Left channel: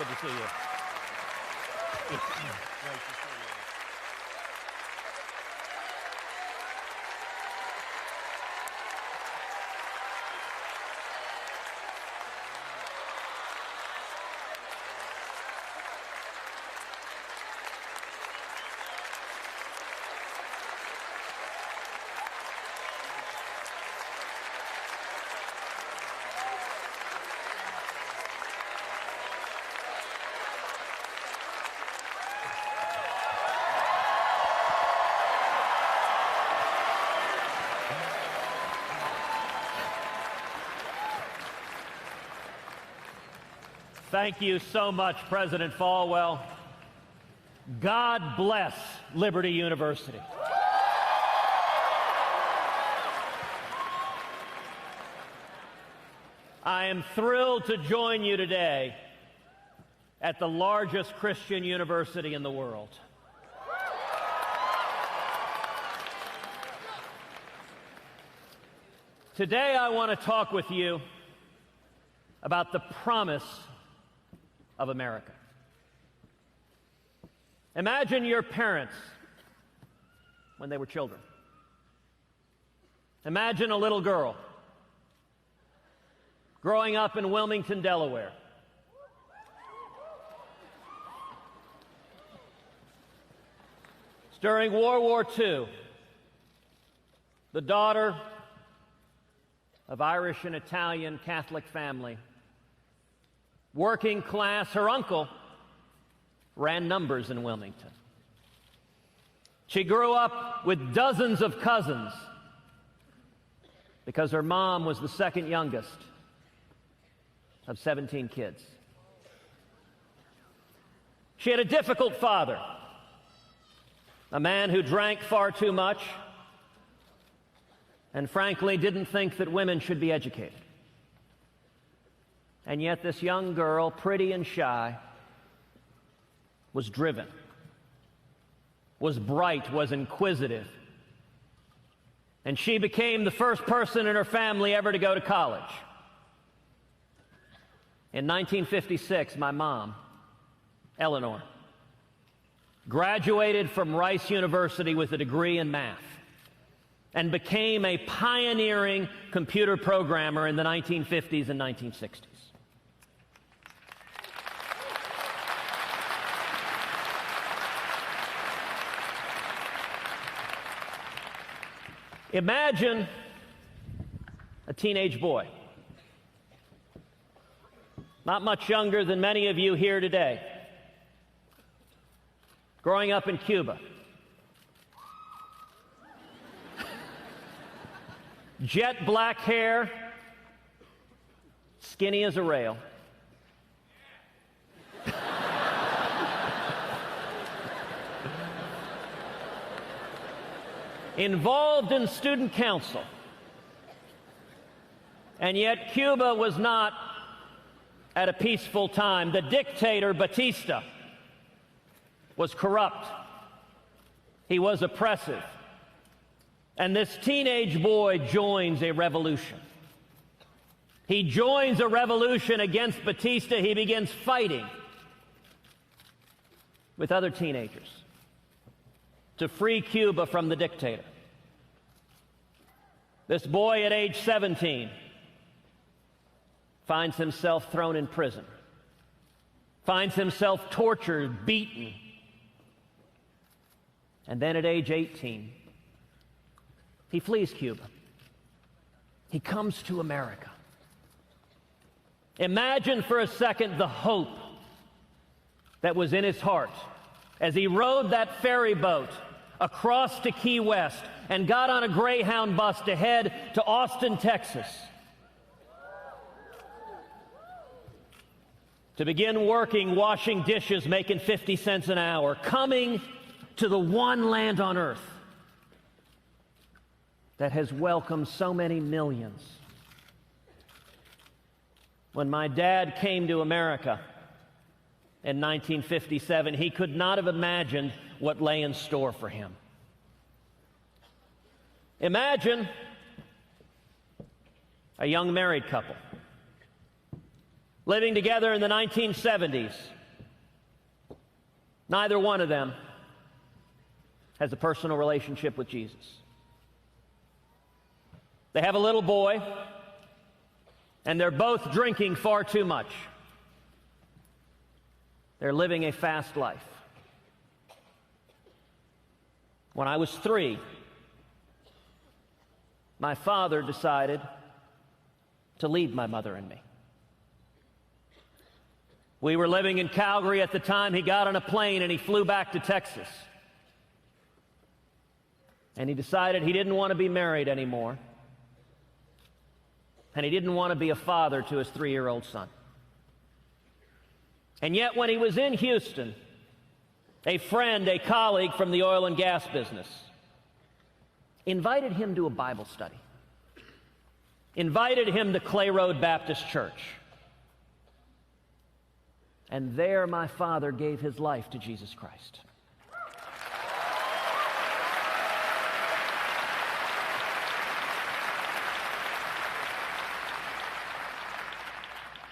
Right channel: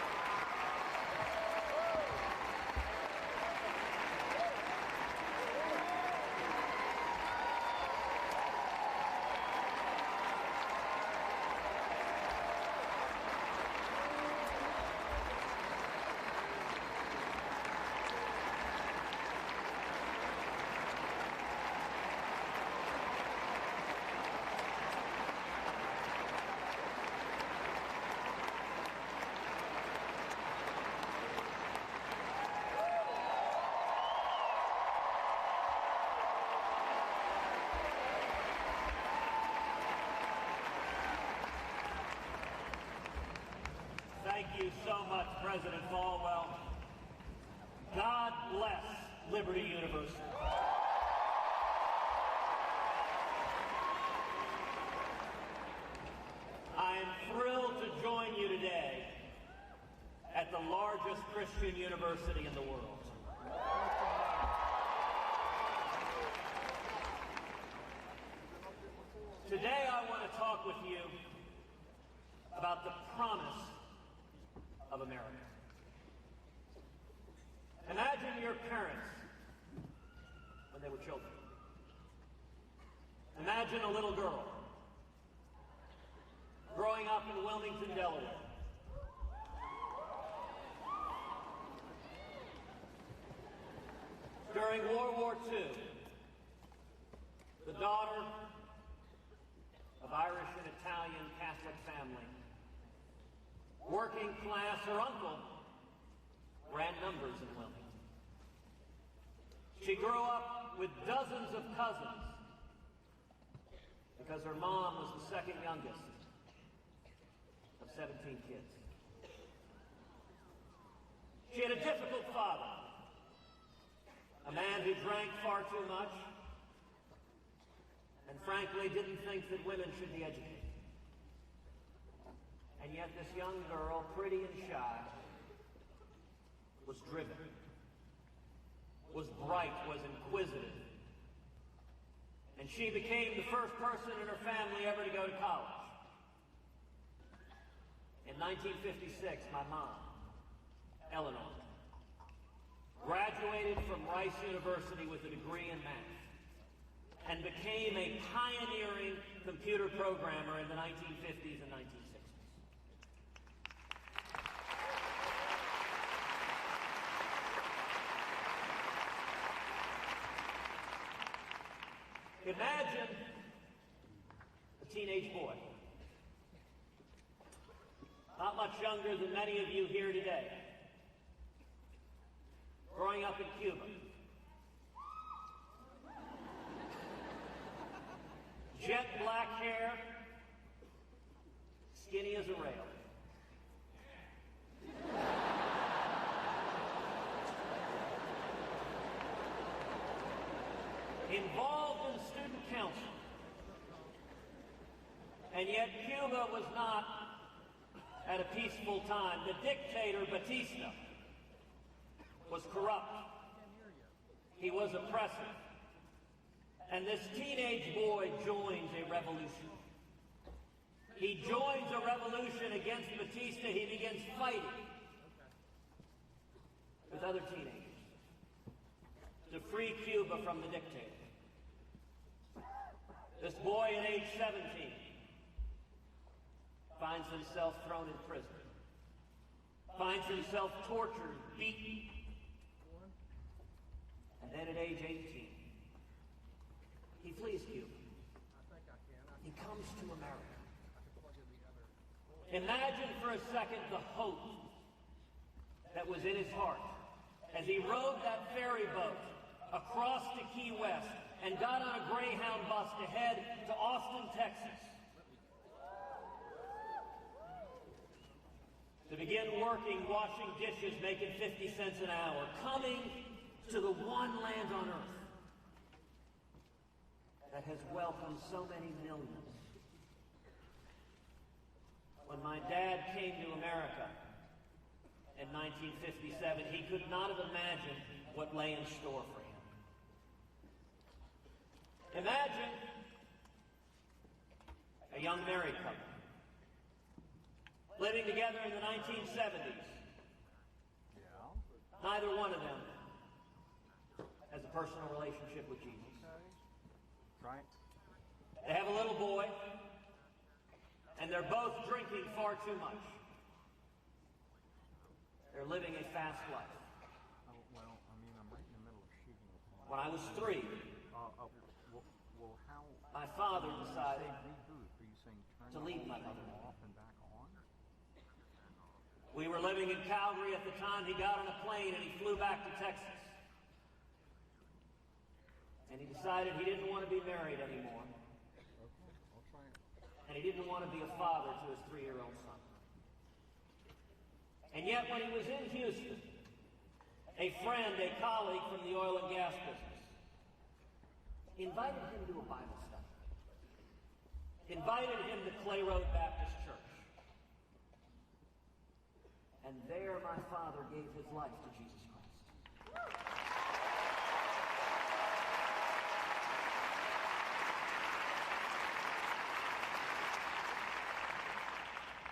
Good to see you. Thank you so much, President Falwell. God bless Liberty University. I am thrilled to join you today at the largest Christian university in the world. Today I want to talk with you about the promise of America. Imagine your parents when they were children. Imagine a little girl growing up in Wilmington, Delaware. During World War II, the daughter of Irish and Italian Catholic family, working class, her uncle ran numbers in Wilmington. She grew up with dozens of cousins because her mom was the second youngest of 17 kids. She had a difficult father, a man who drank far too much and frankly didn't think that women should be educated. And yet this young girl, pretty and shy, was driven, was bright, was inquisitive. And she became the first person in her family ever to go to college. In 1956, my mom, Eleanor, graduated from Rice University with a degree in math and became a pioneering computer programmer in the 1950s and 1960s. Imagine a teenage boy, not much younger than many of you here today, growing up in Cuba. Jet black hair, skinny as a rail. Involved in student council. And yet Cuba was not at a peaceful time. The dictator, Batista, was corrupt. He was oppressive. And this teenage boy joins a revolution. He joins a revolution against Batista. He begins fighting with other teenagers to free Cuba from the dictator. This boy at age 17 finds himself thrown in prison, finds himself tortured, beaten, and then at age 18, he flees Cuba. He comes to America. Imagine for a second the hope that was in his heart as he rode that ferry boat across to Key West and got on a Greyhound bus to head to Austin, Texas, to begin working, washing dishes, making 50 cents an hour, coming to the one land on earth that has welcomed so many millions. When my dad came to America in 1957, he could not have imagined what lay in store for him. Imagine a young married couple living together in the 1970s. Neither one of them has a personal relationship with Jesus. They have a little boy, and they're both drinking far too much. They're living a fast life. When I was 3, my father decided to leave my mother and me. We were living in Calgary at the time. He got on a plane and he flew back to Texas. And he decided he didn't want to be married anymore. And he didn't want to be a father to his 3-year-old son. And yet when he was in Houston, a friend, a colleague from the oil and gas business, invited him to a Bible study. Invited him to Clay Road Baptist Church. And there my father gave his life to Jesus Christ.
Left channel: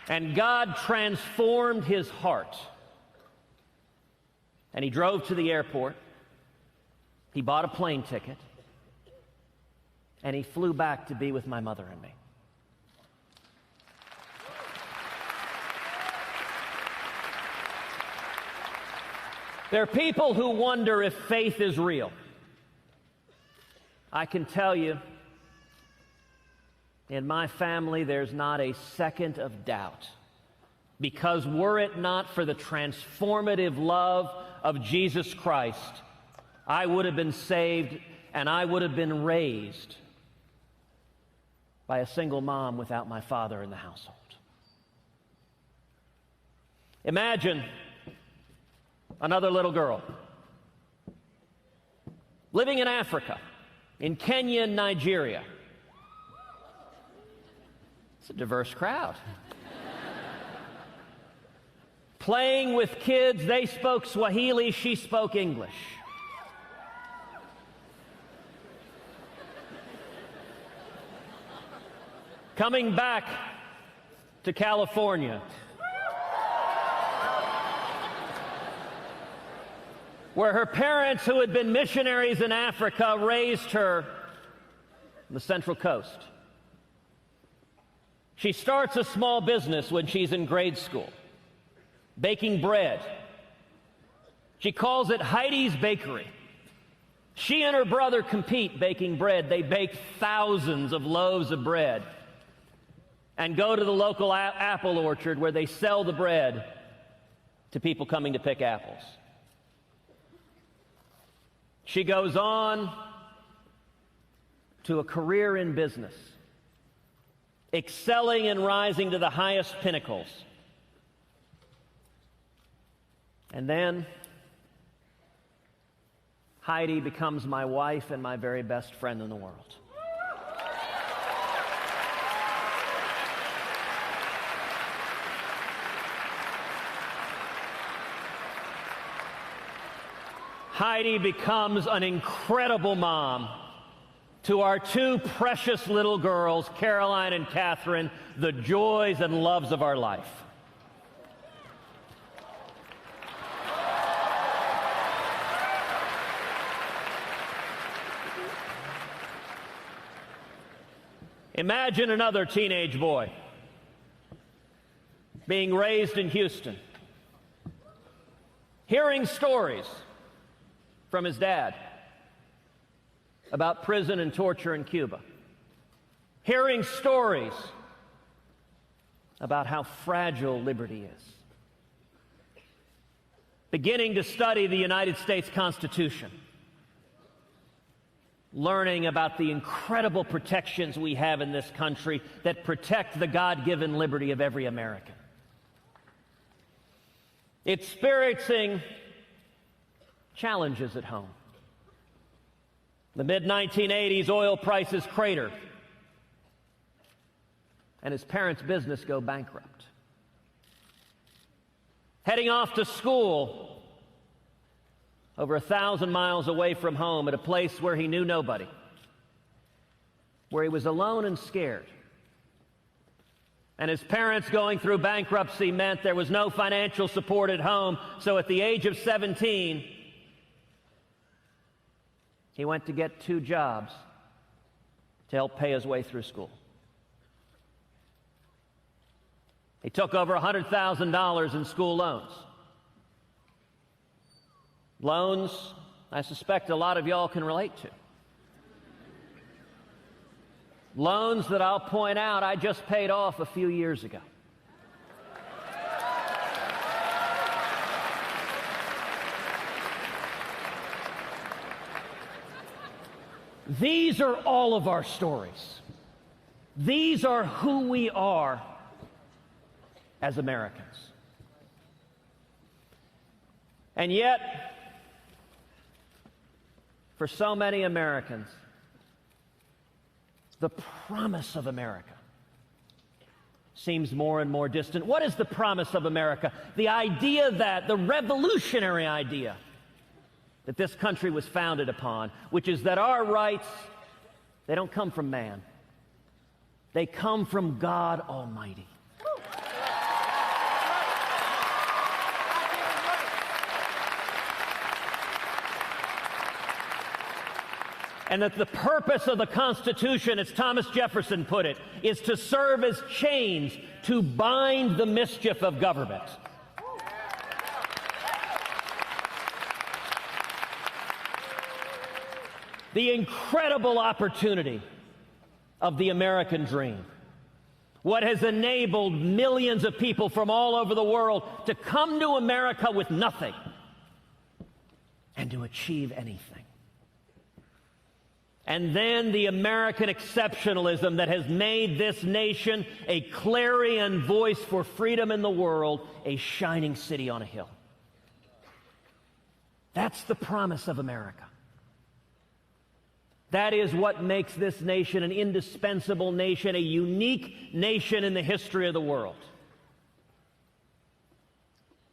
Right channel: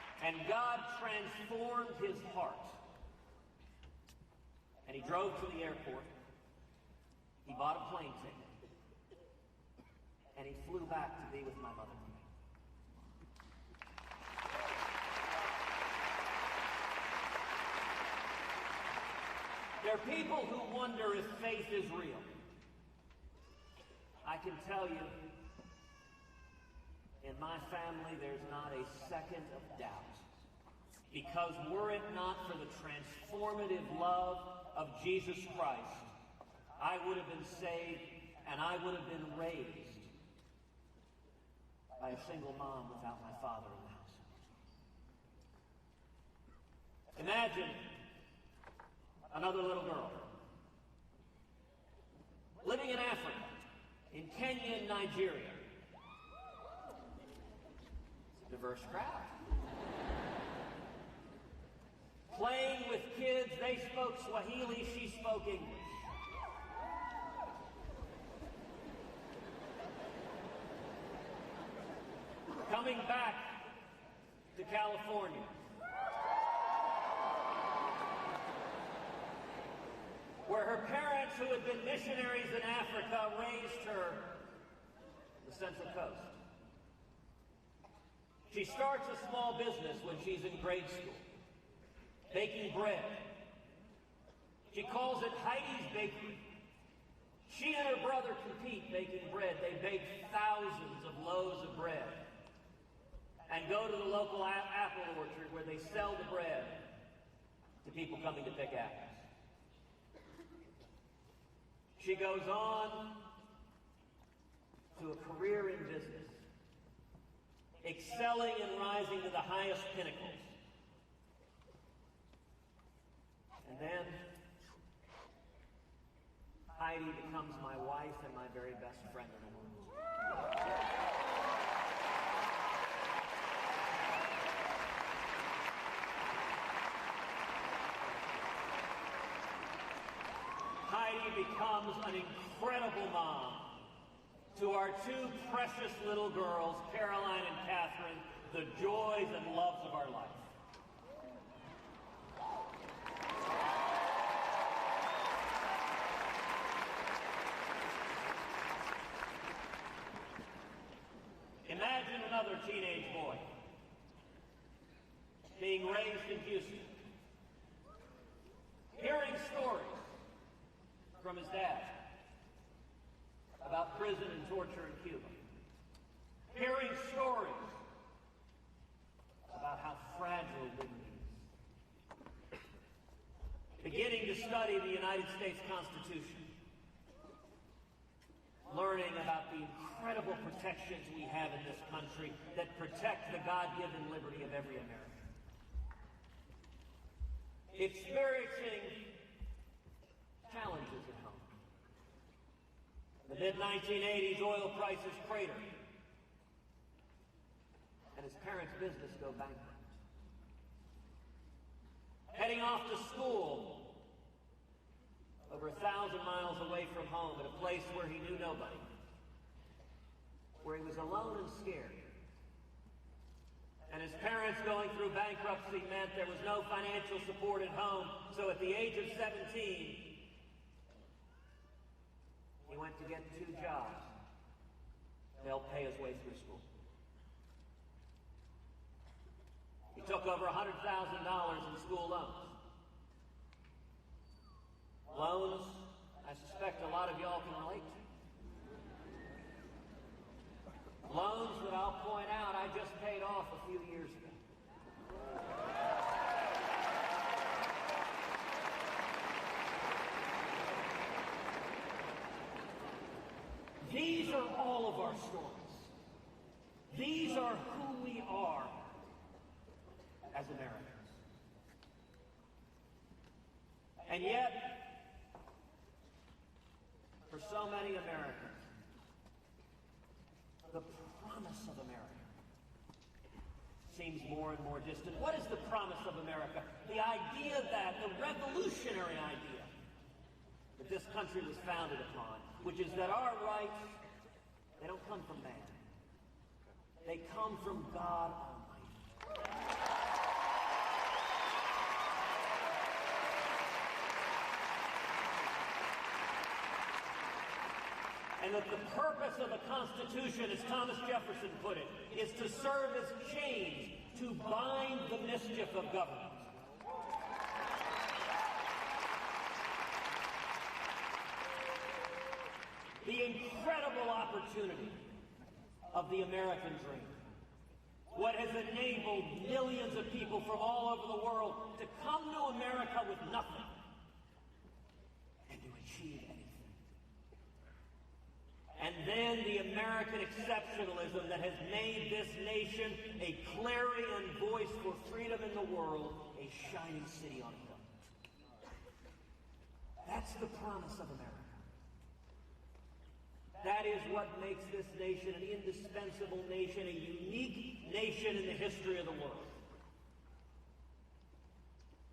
And God transformed his heart. And he drove to the airport. He bought a plane ticket. And he flew back to be with my mother and me. There are people who wonder if faith is real. I can tell you, in my family, there's not a second of doubt. Because were it not for the transformative love of Jesus Christ, I would have been saved and I would have been raised by a single mom without my father in the household. Imagine another little girl living in Africa, in Kenya and Nigeria. It's a diverse crowd. Playing with kids, they spoke Swahili, she spoke English. Coming back to California, where her parents, who had been missionaries in Africa, raised her on the Central Coast. She starts a small business when she's in grade school, baking bread. She calls it Heidi's Bakery. She and her brother compete baking bread. They bake thousands of loaves of bread and go to the local apple orchard where they sell the bread to people coming to pick apples. She goes on to a career in business, excelling and rising to the highest pinnacles. And then Heidi becomes my wife and my very best friend in the world. Heidi becomes an incredible mom to our 2 precious little girls, Caroline and Catherine, the joys and loves of our life. Imagine another teenage boy being raised in Houston, hearing stories from his dad about prison and torture in Cuba, hearing stories about how fragile liberty is, beginning to study the United States Constitution, learning about the incredible protections we have in this country that protect the God-given liberty of every American. Experiencing challenges at home. The mid-1980s, oil prices crater, and his parents' business go bankrupt. Heading off to school over 1,000 miles away from home at a place where he knew nobody, where he was alone and scared. And his parents going through bankruptcy meant there was no financial support at home. So at the age of 17, he went to get 2 jobs to help pay his way through school. He took over $100,000 in school loans. Loans I suspect a lot of y'all can relate to. Loans that I'll point out I just paid off a few years ago. These are all of our stories. These are who we are as Americans. And yet, for so many Americans, the promise of America seems more and more distant. What is the promise of America? The idea that, the revolutionary idea that this country was founded upon, which is that our rights, they don't come from man. They come from God Almighty. And that the purpose of the Constitution, as Thomas Jefferson put it, is to serve as chains to bind the mischief of government. The incredible opportunity of the American dream, what has enabled millions of people from all over the world to come to America with nothing and to achieve anything. And then the American exceptionalism that has made this nation a clarion voice for freedom in the world, a shining city on a hill. That's the promise of America. That is what makes this nation an indispensable nation, a unique nation in the history of the world.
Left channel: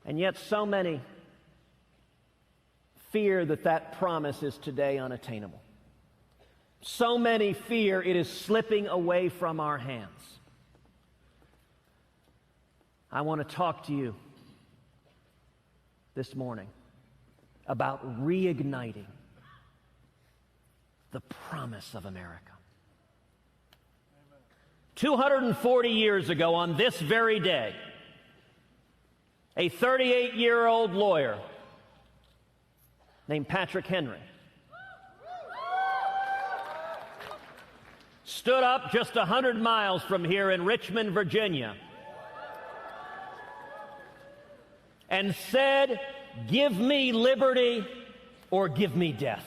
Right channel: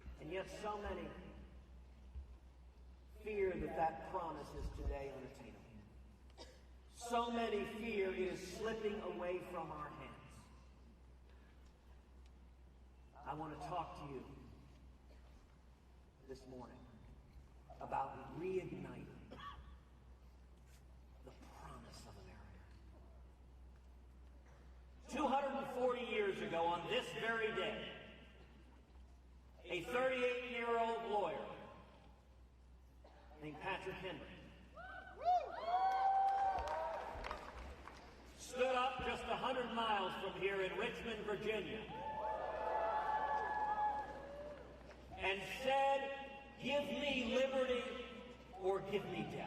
And yet so many fear that that promise is today unattainable. So many fear it is slipping away from our hands. I want to talk to you this morning about reigniting the promise of America. 240 years ago, on this very day, a 38-year-old lawyer named Patrick Henry stood up just 100 miles from here in Richmond, Virginia, and said, "Give me liberty or give me death."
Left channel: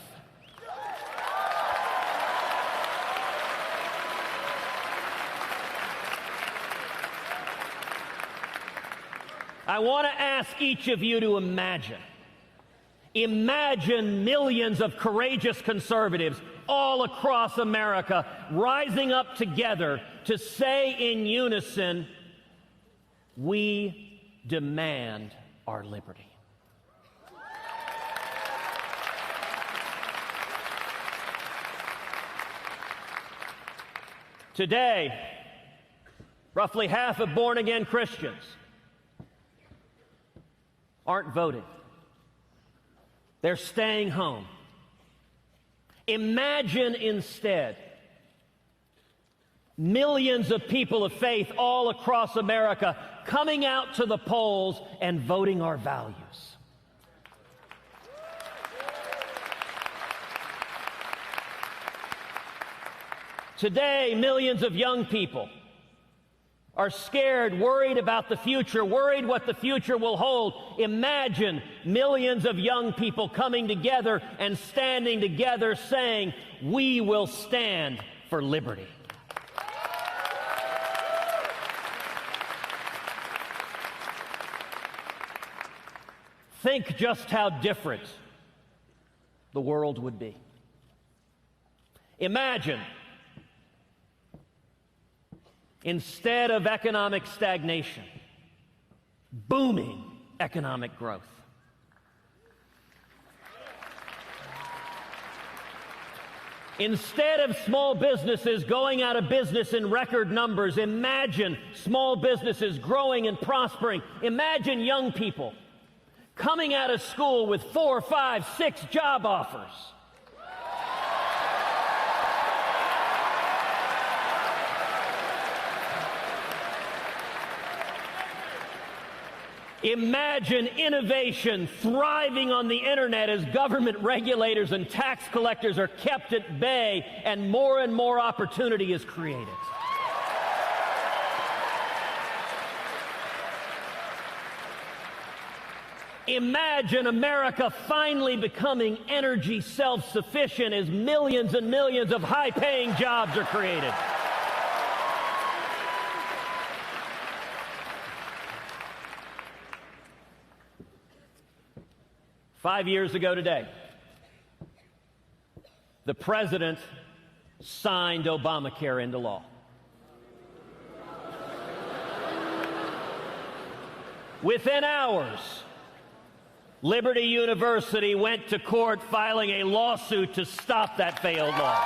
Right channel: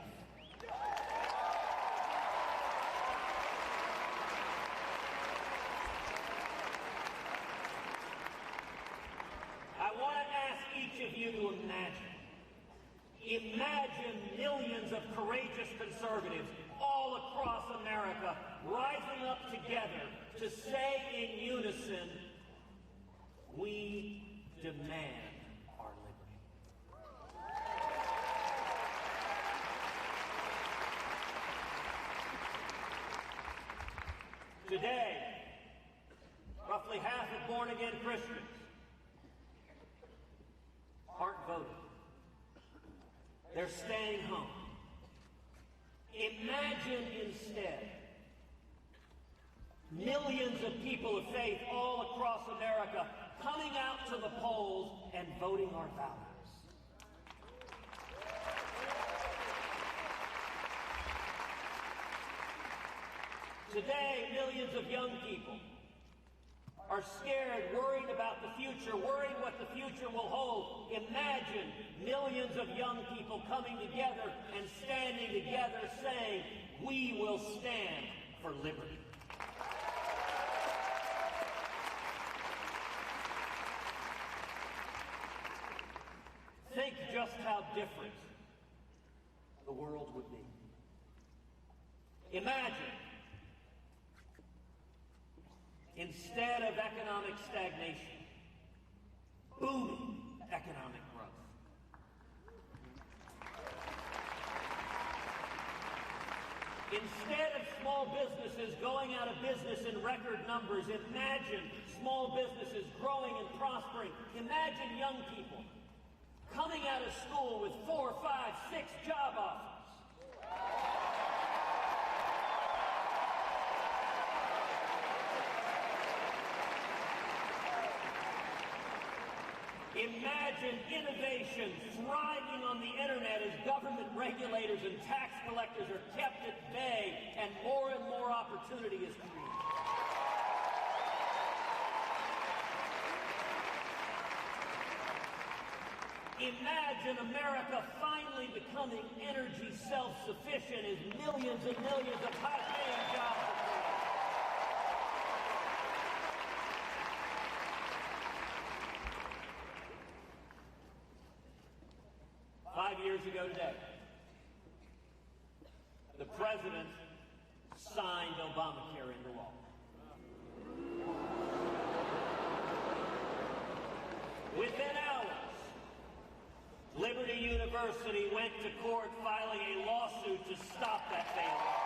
I want to ask each of you to imagine millions of courageous conservatives all across America rising up together to say in unison, "We demand our liberty." Today, roughly half of born-again Christians aren't voting. They're staying home. Imagine instead millions of people of faith all across America coming out to the polls and voting our values. Today, millions of young people are scared, worried about the future, worried what the future will hold. Imagine millions of young people coming together and standing together saying, "We will stand for liberty." Think just how different the world would be. Imagine, instead of economic stagnation, booming economic growth. Instead of small businesses going out of business in record numbers, imagine small businesses growing and prospering. Imagine young people coming out of school with 4, 5, 6 job offers. Imagine innovation thriving on the internet as government regulators and tax collectors are kept at bay and more opportunity is created. Imagine America finally becoming energy self-sufficient as millions and millions of high-paying jobs are created. Five years ago today, the president signed Obamacare into law. Within hours, Liberty University went to court filing a lawsuit to stop that failed law.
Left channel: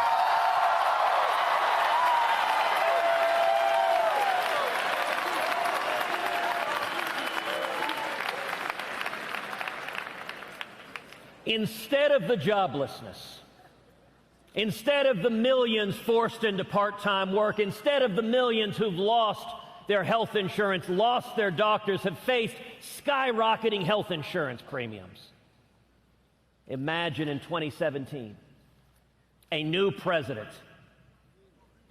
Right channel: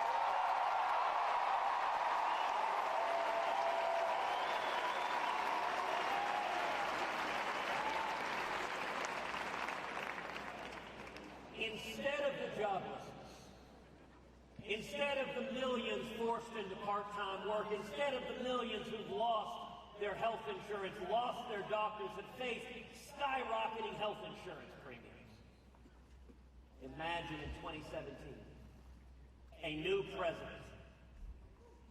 Instead of the joblessness, instead of the millions forced into part-time work, instead of the millions who've lost their health insurance, lost their doctors, have faced skyrocketing health insurance premiums. Imagine in 2017, a new president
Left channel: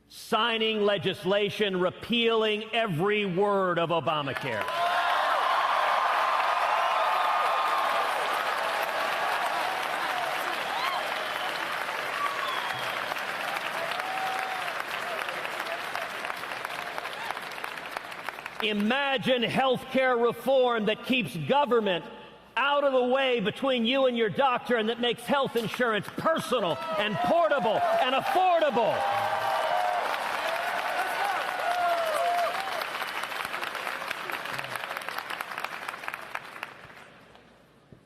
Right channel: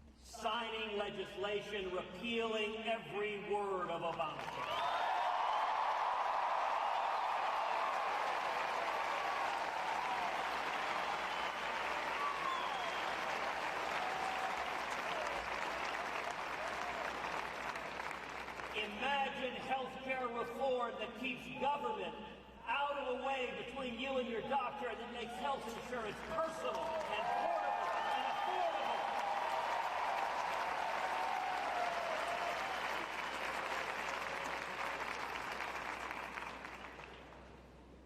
signing legislation repealing every word of Obamacare. Imagine health care reform that keeps government out of the way between you and your doctor and that makes health insurance personal and portable and affordable.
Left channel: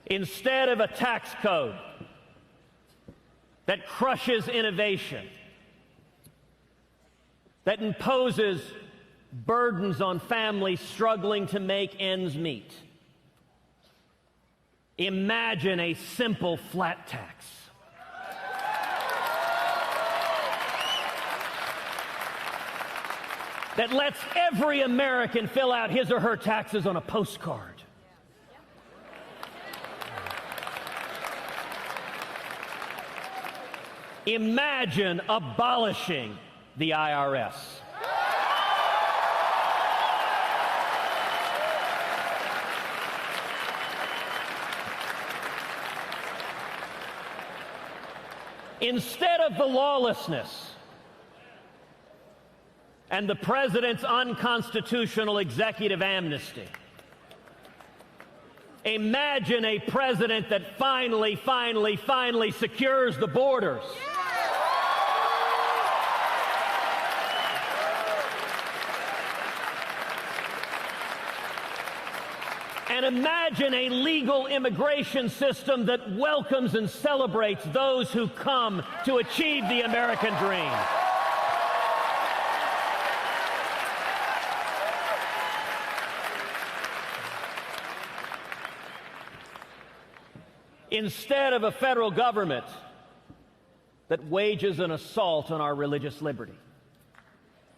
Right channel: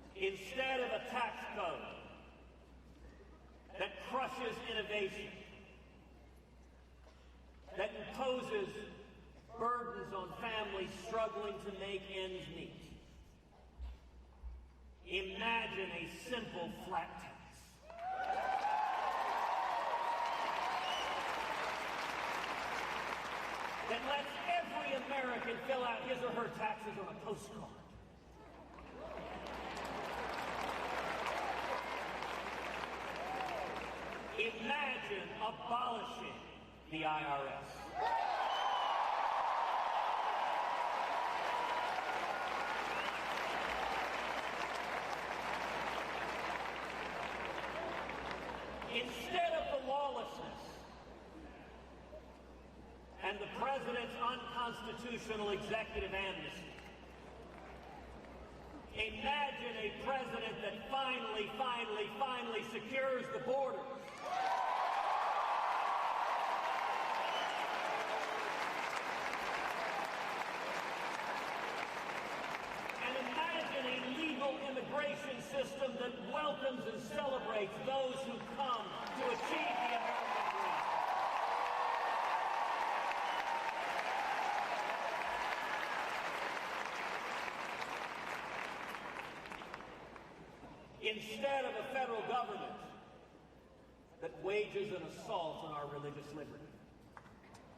Instead of a tax code that crushes innovation, that imposes burdens on families struggling to make ends meet. Imagine a simple flat tax. That lets every American fill out his or her taxes on a postcard. Imagine abolishing the IRS. Instead of the lawlessness and the president's unconstitutional executive amnesty, imagine a president that finally secures the borders. And imagine a legal immigration system that welcomes and celebrates those who come to achieve the American dream. Instead of a federal government that wages an assault on our religious liberty,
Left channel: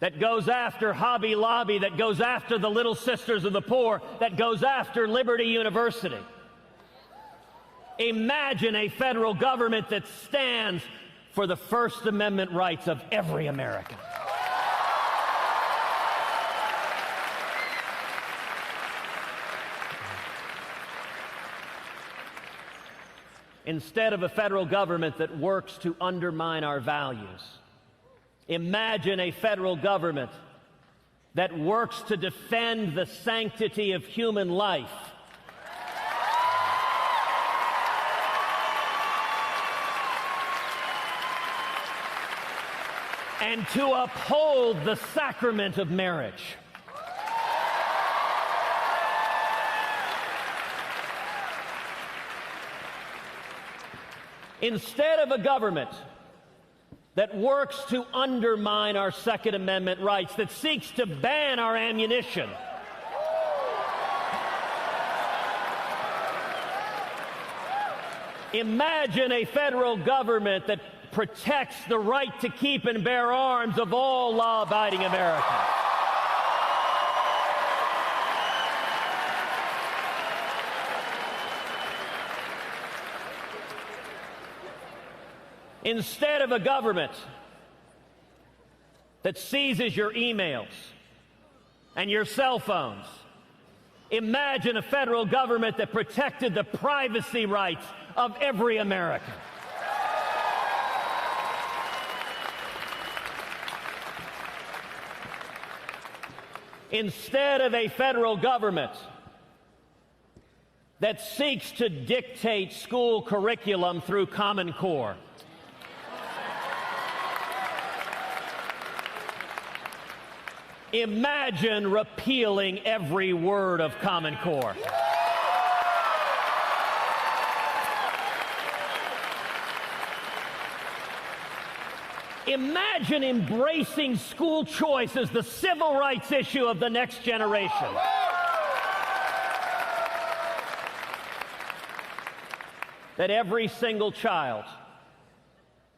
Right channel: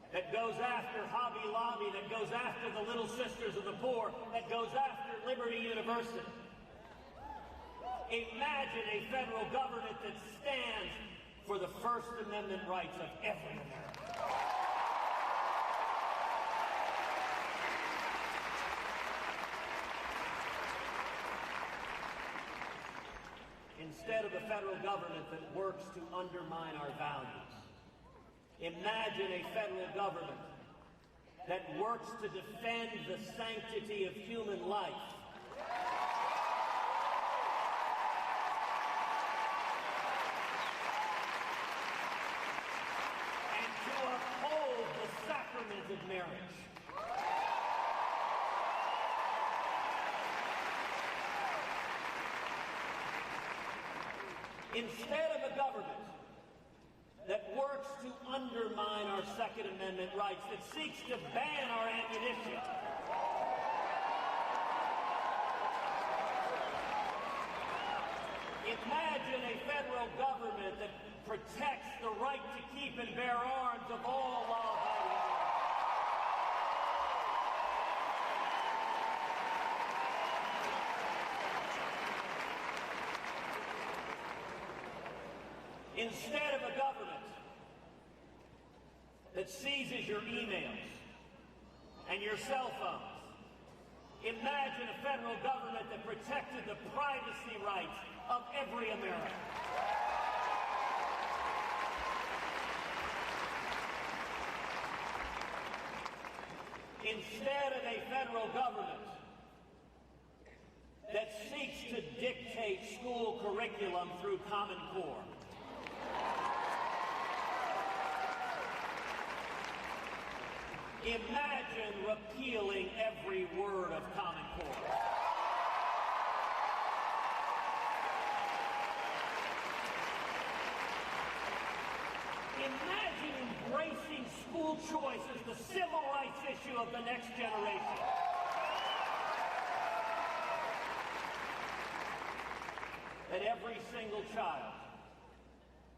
that goes after Hobby Lobby, that goes after the Little Sisters of the Poor, that goes after Liberty University. Imagine a federal government that stands for the First Amendment rights of every American. Instead of a federal government that works to undermine our values, imagine a federal government that works to defend the sanctity of human life. And to uphold the sacrament of marriage. Instead of a government that works to undermine our Second Amendment rights, that seeks to ban our ammunition. Imagine a federal government that protects the right to keep and bear arms of all law-abiding Americans. Instead of a government that seizes your emails and your cell phones, imagine a federal government that protected the privacy rights of every American. Instead of a federal government that seeks to dictate school curriculum through Common Core, imagine repealing every word of Common Core. Imagine embracing school choice as the civil rights issue of the next generation. That every single child,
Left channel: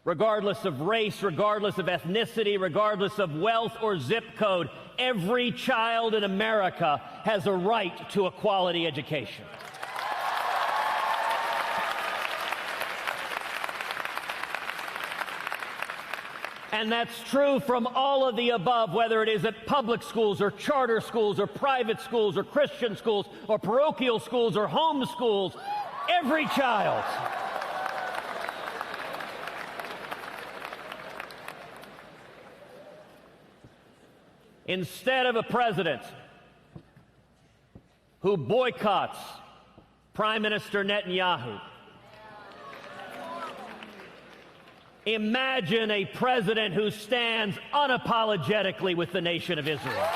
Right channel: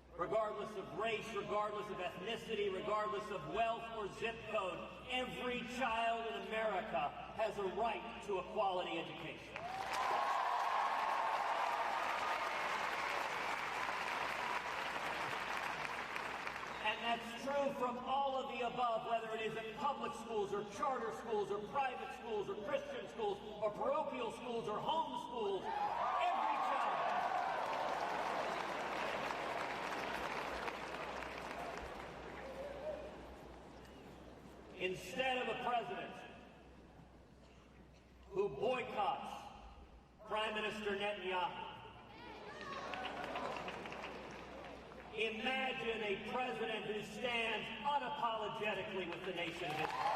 regardless of race, regardless of ethnicity, regardless of wealth or zip code, every child in America has a right to a quality education. And that's true from all of the above, whether it is at public schools or charter schools or private schools or Christian schools or parochial schools or home schools. Every child. Instead of a president who boycotts Prime Minister Netanyahu, imagine a president who stands unapologetically with the nation of Israel.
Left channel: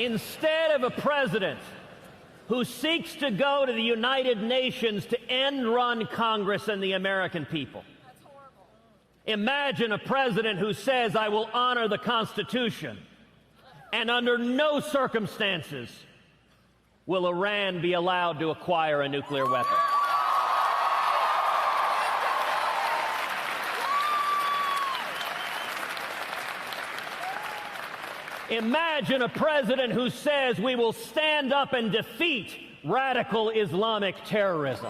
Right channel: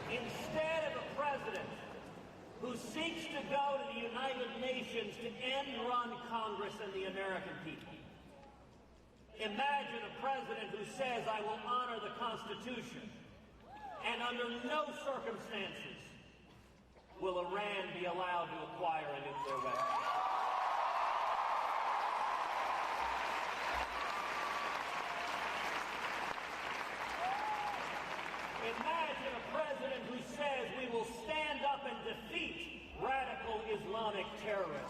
Instead of a president who seeks to go to the United Nations to end-run Congress and the American people. Imagine a president who says, I will honor the Constitution, and under no circumstances will Iran be allowed to acquire a nuclear weapon. Imagine a president who says we will stand up and defeat radical Islamic terrorism.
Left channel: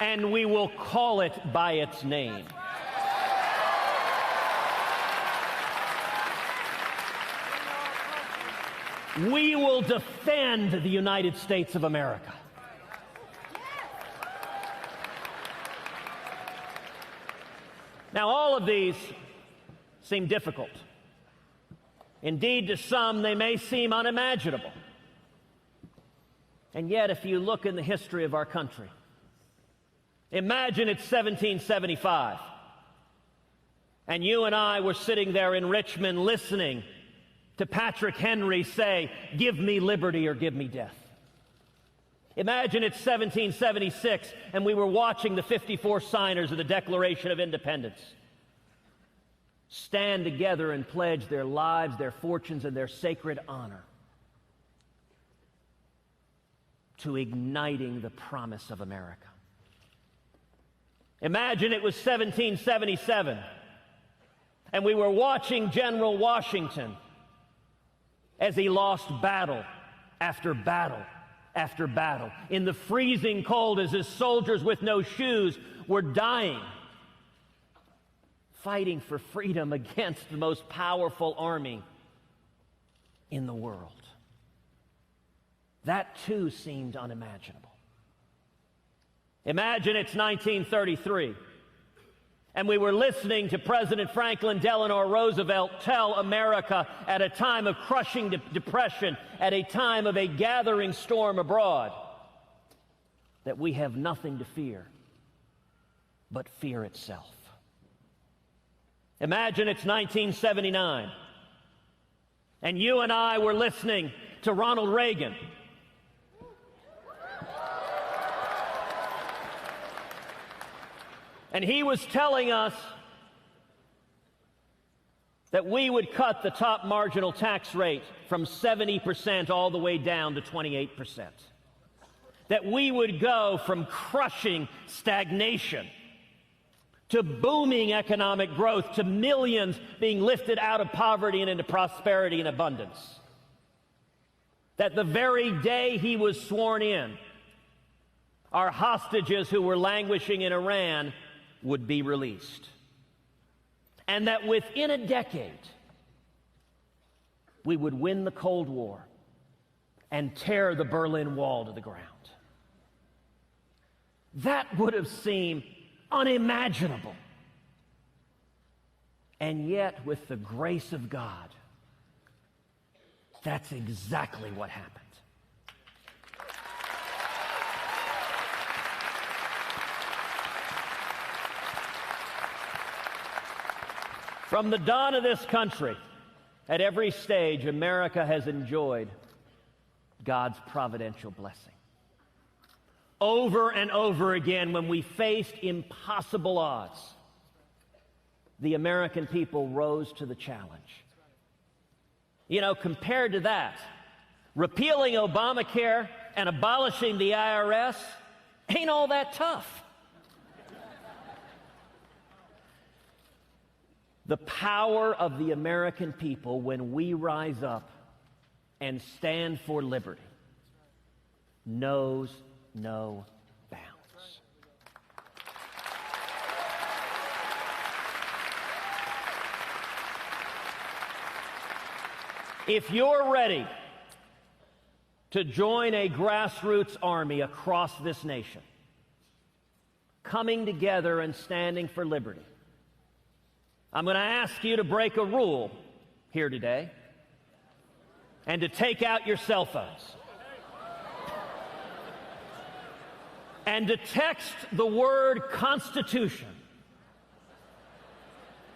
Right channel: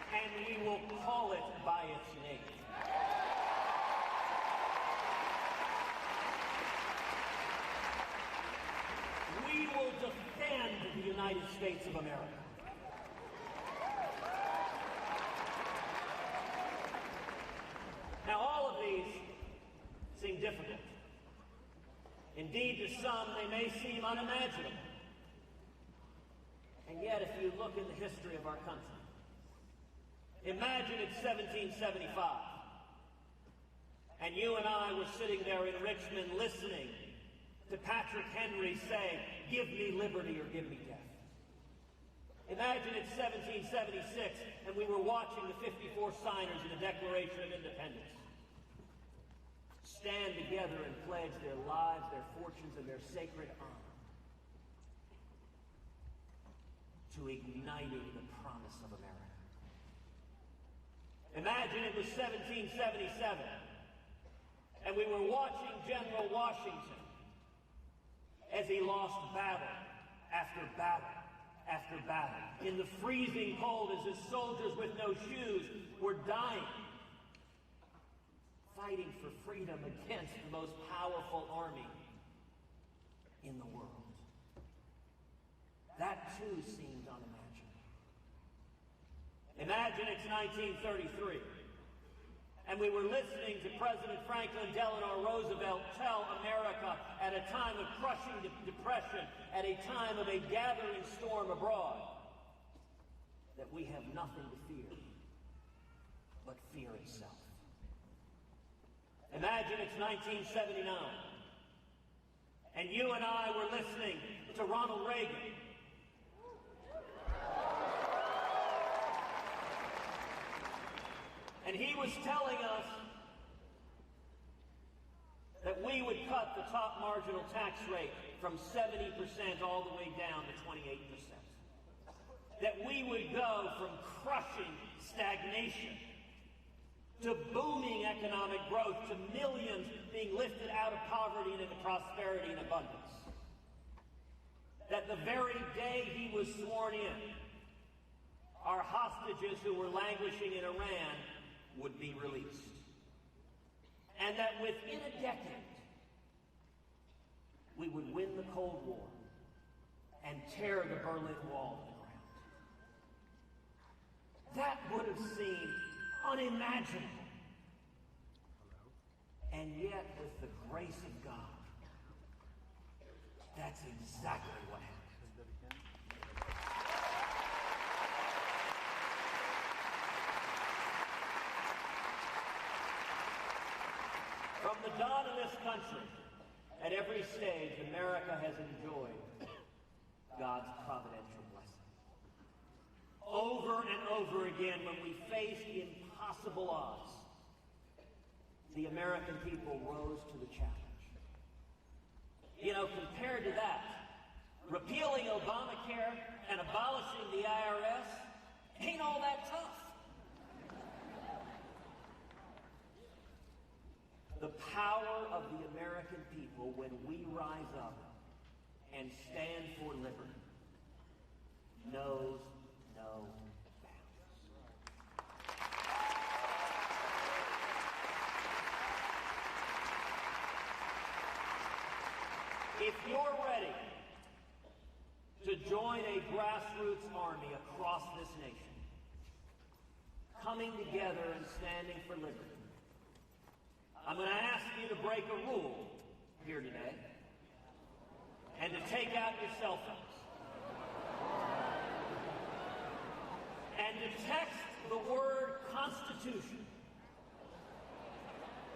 And we will call it by its name. We will defend the United States of America. Now, all of these seem difficult. Indeed, to some, they may seem unimaginable. And yet, if you look in the history of our country, imagine it's 1775, and you and I were sitting there in Richmond listening to Patrick Henry say, "Give me liberty or give me death." Imagine it's 1776 and we were watching the 54 signers of the Declaration of Independence stand together and pledge their lives, their fortunes, and their sacred honor to igniting the promise of America. Imagine it was 1777 and we were watching General Washington as he lost battle after battle after battle. In the freezing cold, as his soldiers with no shoes were dying, fighting for freedom against the most powerful army in the world. That too seemed unimaginable. Imagine it's 1933, and we were listening to President Franklin Delano Roosevelt tell America at a time of crushing depression, at a time of a gathering storm abroad, that we have nothing to fear but fear itself. Imagine it's 1979, and you and I were listening to Ronald Reagan. And he was telling us that we would cut the top marginal tax rate from 70% all the way down to 28%. That we would go from crushing stagnation to booming economic growth, to millions being lifted out of poverty and into prosperity and abundance. That the very day he was sworn in, our hostages who were languishing in Iran would be released. And that within a decade, we would win the Cold War and tear the Berlin Wall to the ground. That would have seemed unimaginable. And yet, with the grace of God, that's exactly what happened. From the dawn of this country, at every stage, America has enjoyed God's providential blessing. Over and over again, when we faced impossible odds, the American people rose to the challenge. You know, compared to that, repealing Obamacare and abolishing the IRS ain't all that tough. The power of the American people when we rise up and stand for liberty knows no bounds. If you're ready to join a grassroots army across this nation, coming together and standing for liberty, I'm going to ask you to break a rule here today and to take out your cell phones and to text the word Constitution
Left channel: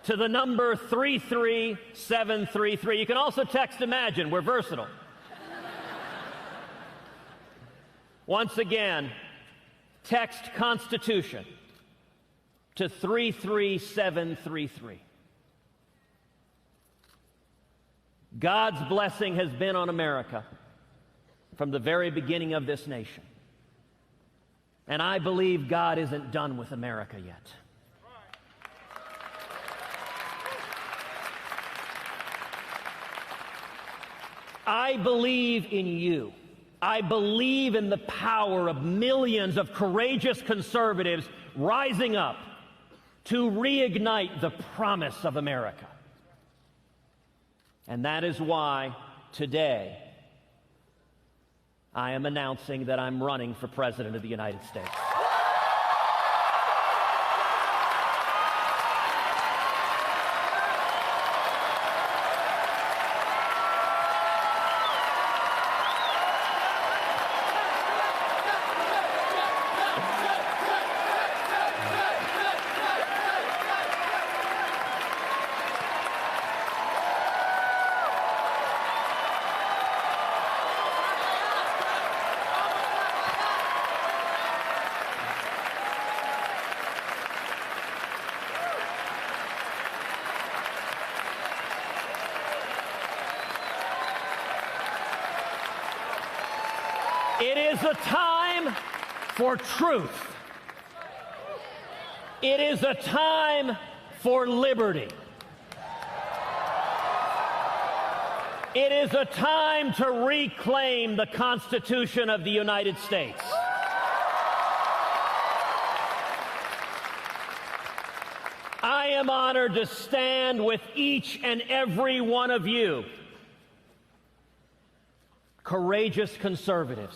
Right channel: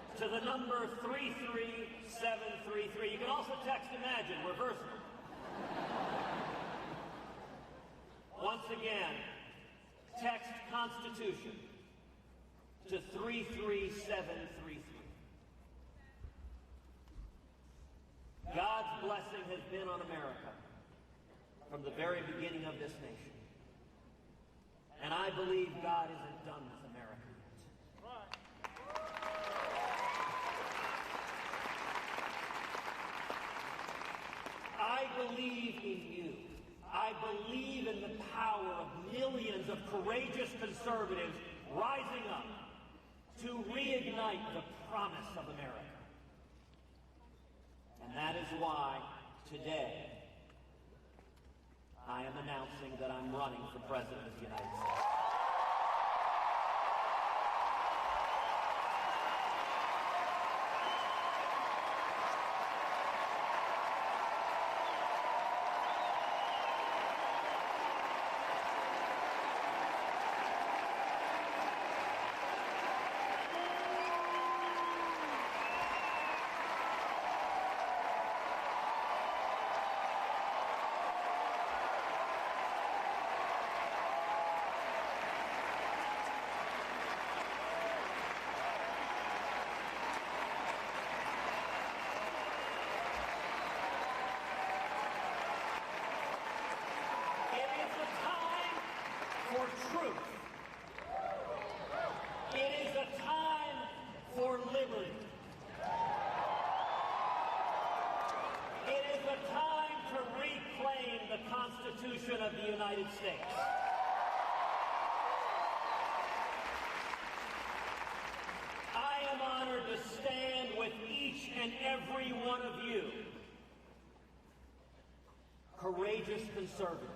to the number 33733. You can also text Imagine. We're versatile. Once again, text Constitution to 33733. God's blessing has been on America from the very beginning of this nation. And I believe God isn't done with America yet. I believe in you. I believe in the power of millions of courageous conservatives rising up to reignite the promise of America. And that is why today I am announcing that I'm running for President of the United States. It is a time for truth. It is a time for liberty. It is a time to reclaim the Constitution of the United States. I am honored to stand with each and every one of you, courageous conservatives,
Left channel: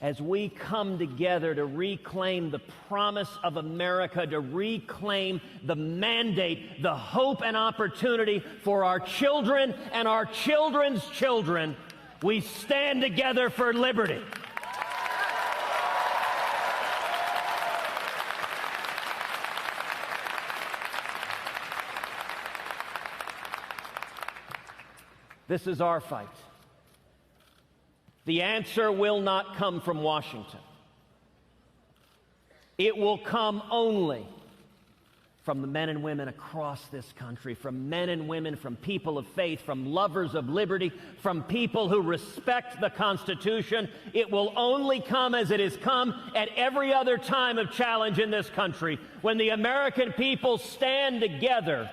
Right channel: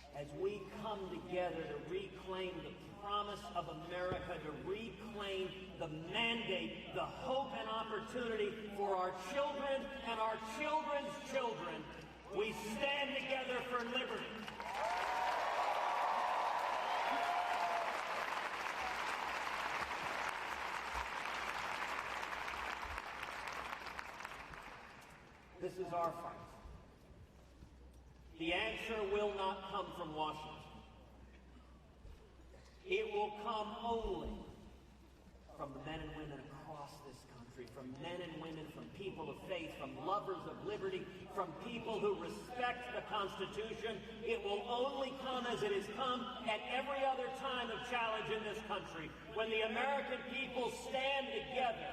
as we come together to reclaim the promise of America, to reclaim the mandate, the hope and opportunity for our children and our children's children, we stand together for liberty. This is our fight. The answer will not come from Washington. It will come only from the men and women across this country, from men and women, from people of faith, from lovers of liberty, from people who respect the Constitution. It will only come as it has come at every other time of challenge in this country, when the American people stand together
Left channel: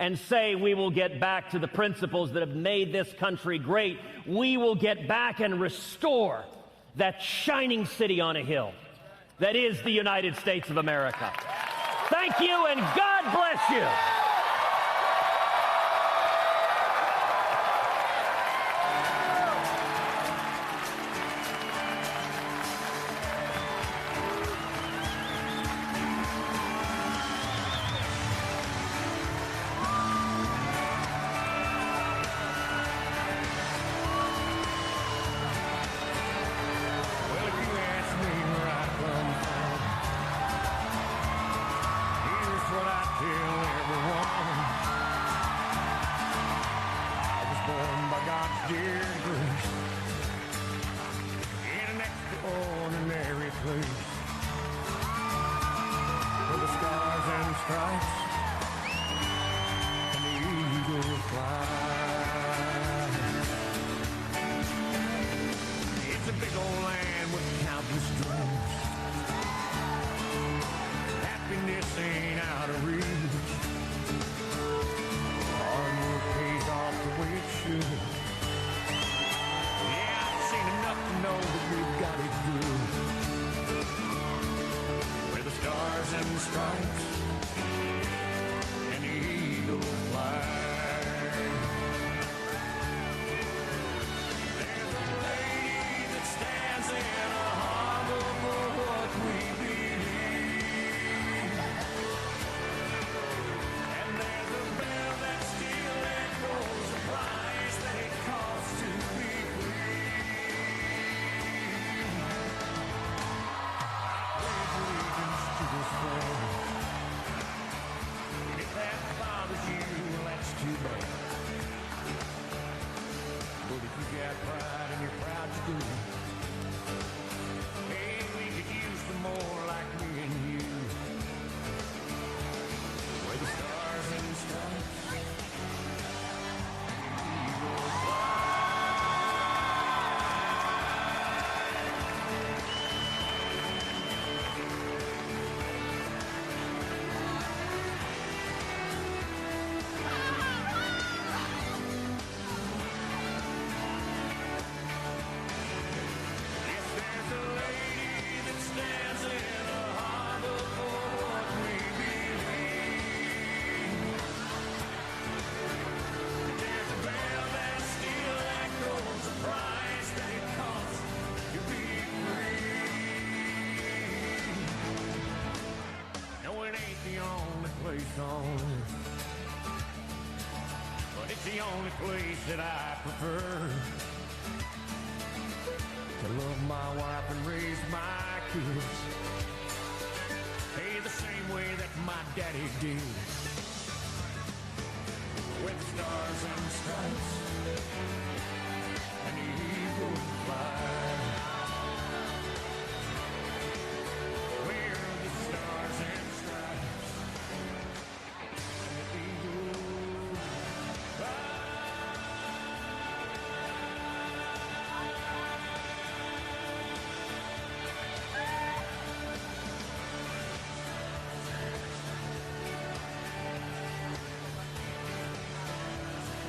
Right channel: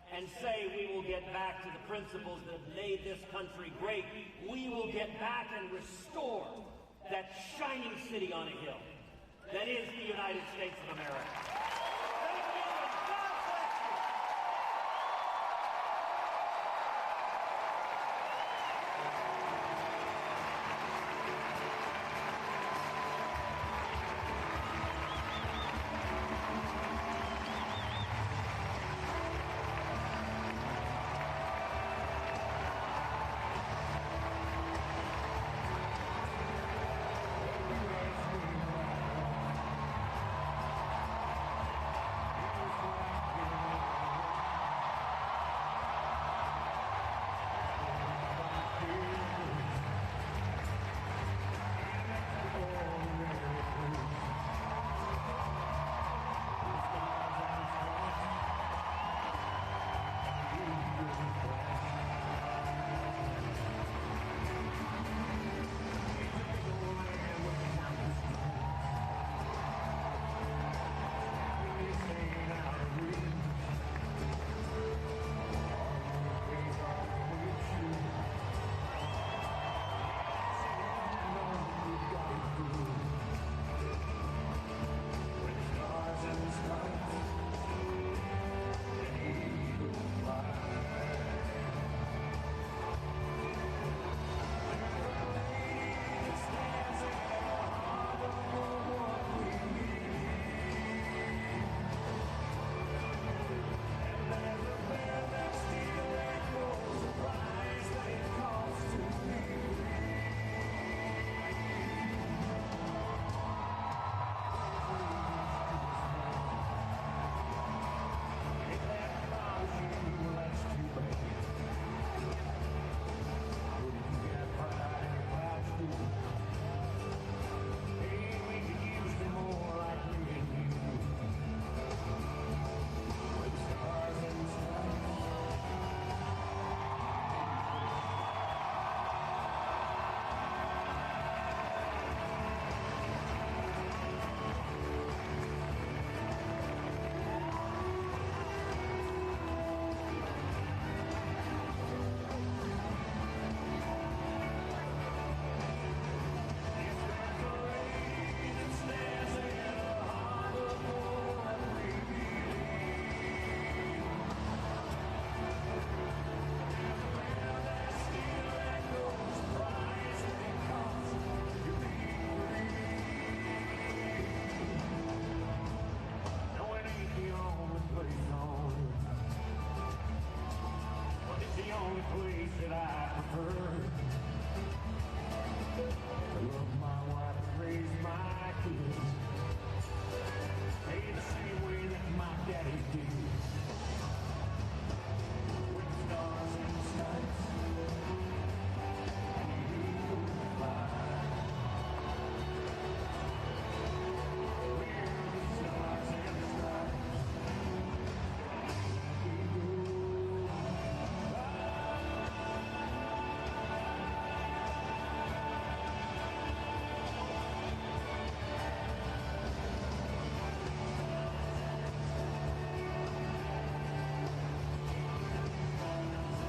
and say, we will get back to the principles that have made this country great. We will get back and restore that shining city on a hill that is the United States of America. Thank you, and God bless you.